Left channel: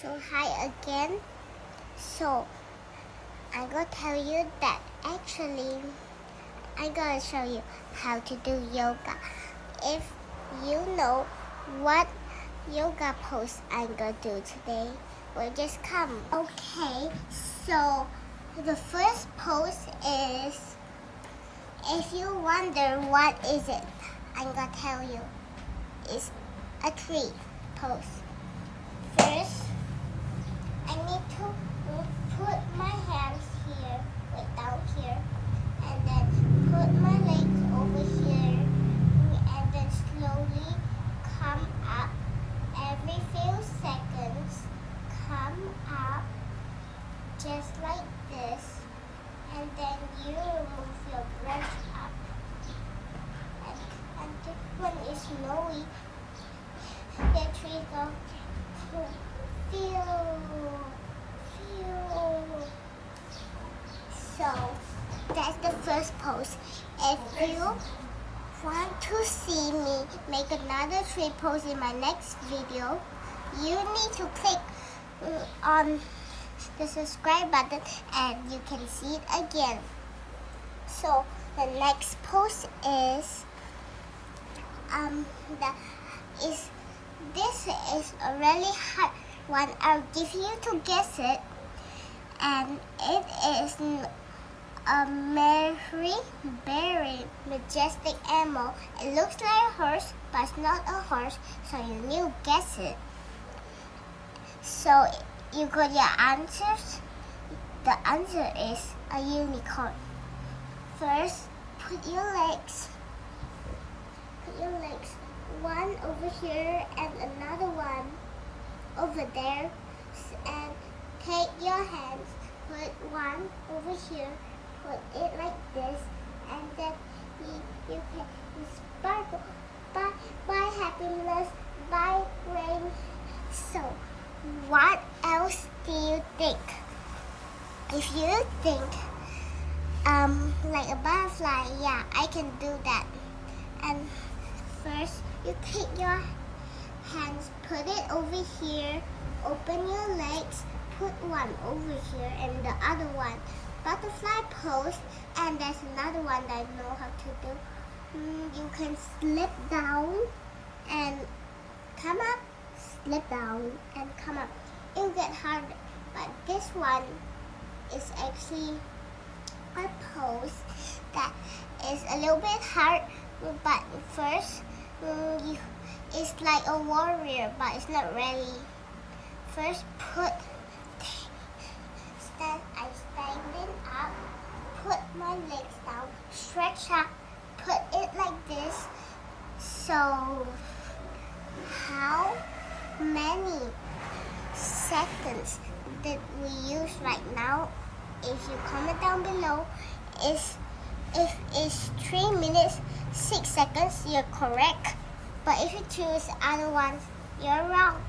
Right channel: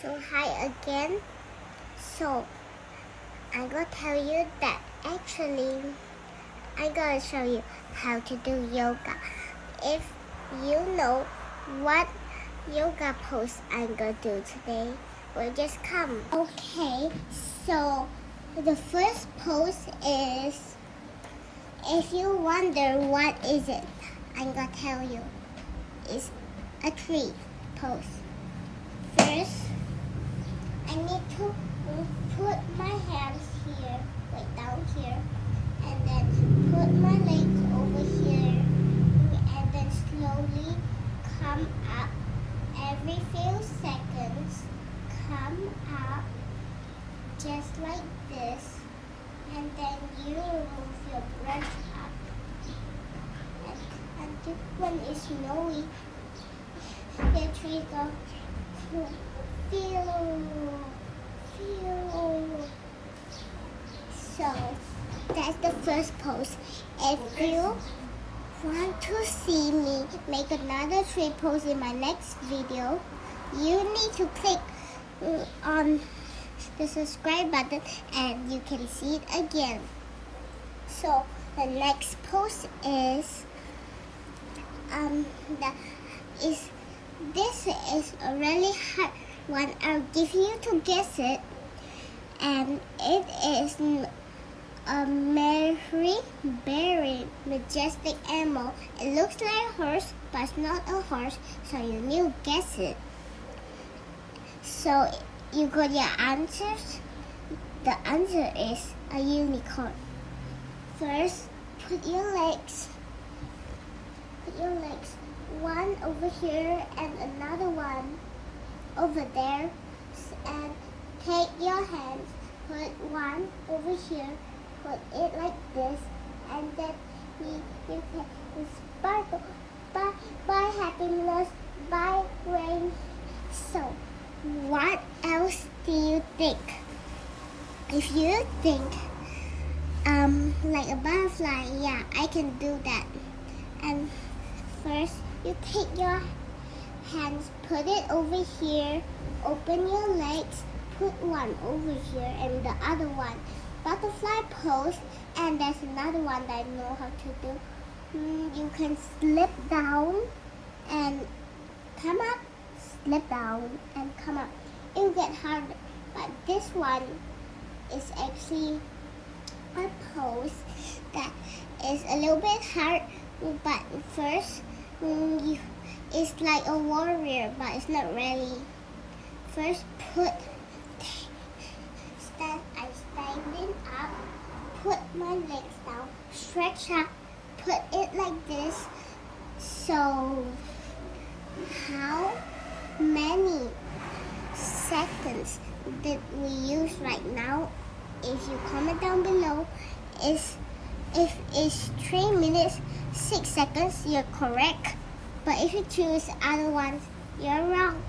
So hi again. So I'm gonna tell you that actually I'm gonna show you how to do yoga. If you know what yoga pose I'm gonna do today, well just come. Okay, so the first pose is, if you wonder what is it, I'm gonna tell you. It's a tree pose. First, I need to put my hands here, like down here, and then put my legs over here, and then slowly come up. Every few seconds, come up, just like this, and then you move your brush up. And this one is snowy. The trees are feel. So that's the first pose. If you want to see me make another tree pose in my next video, you need to click on the subscribe button and you can see it again. So the next pose is this is a really hard one. I'll give you to guess it, and it is a very majestic animal. It looks like a horse, but it's not a horse, so you need to guess it. So you got your answers. The answer is a unicorn. First, put your legs one over here and another one over there, and take your hands, put one over here, put it like this, and then you can sparkle by happiness, by rain. So what else do you think? If you think like a butterfly, yeah, I can do that. And first you take your hands, put it over here, open your legs, put one over here and the other one. Butterfly pose, and there's another one that I know how to do. You can slip down and come up, slip down and come up. It'll get harder, but this one is actually a pose that is a little bit hard, but first it's like a warrior, but it's not really. First, I'm standing up, put my legs down, stretch up, put it like this. So, how many seconds did we use right now? If you comment down below, if it's 3 minutes 6 seconds, you're correct. But if you choose other ones, you're wrong.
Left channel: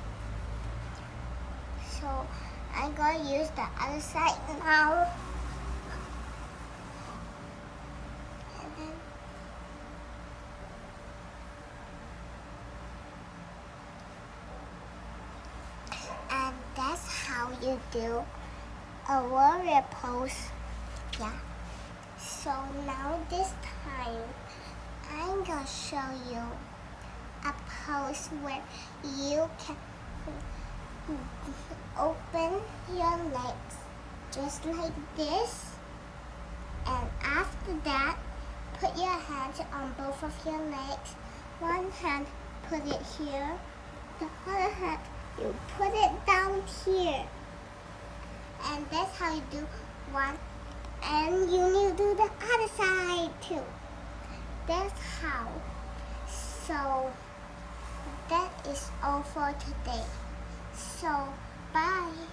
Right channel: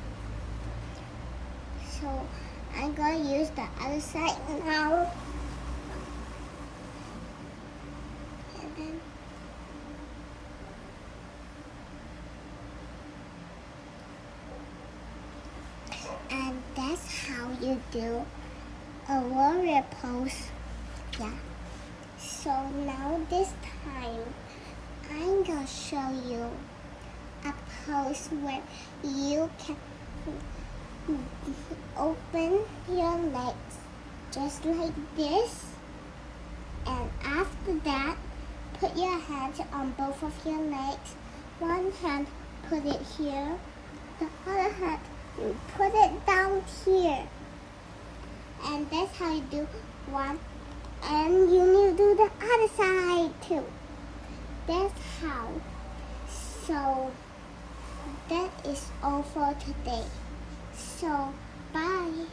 So I'm gonna use the other side now. And that's how you do a warrior pose. Yeah. So now this time, I'm gonna show you a pose where you can open your legs just like this, and after that put your hands on both of your legs. One hand, put it here, the other hand you put it down here, and that's how you do one, and you need to do the other side too. That's how. So that is all for today. So bye.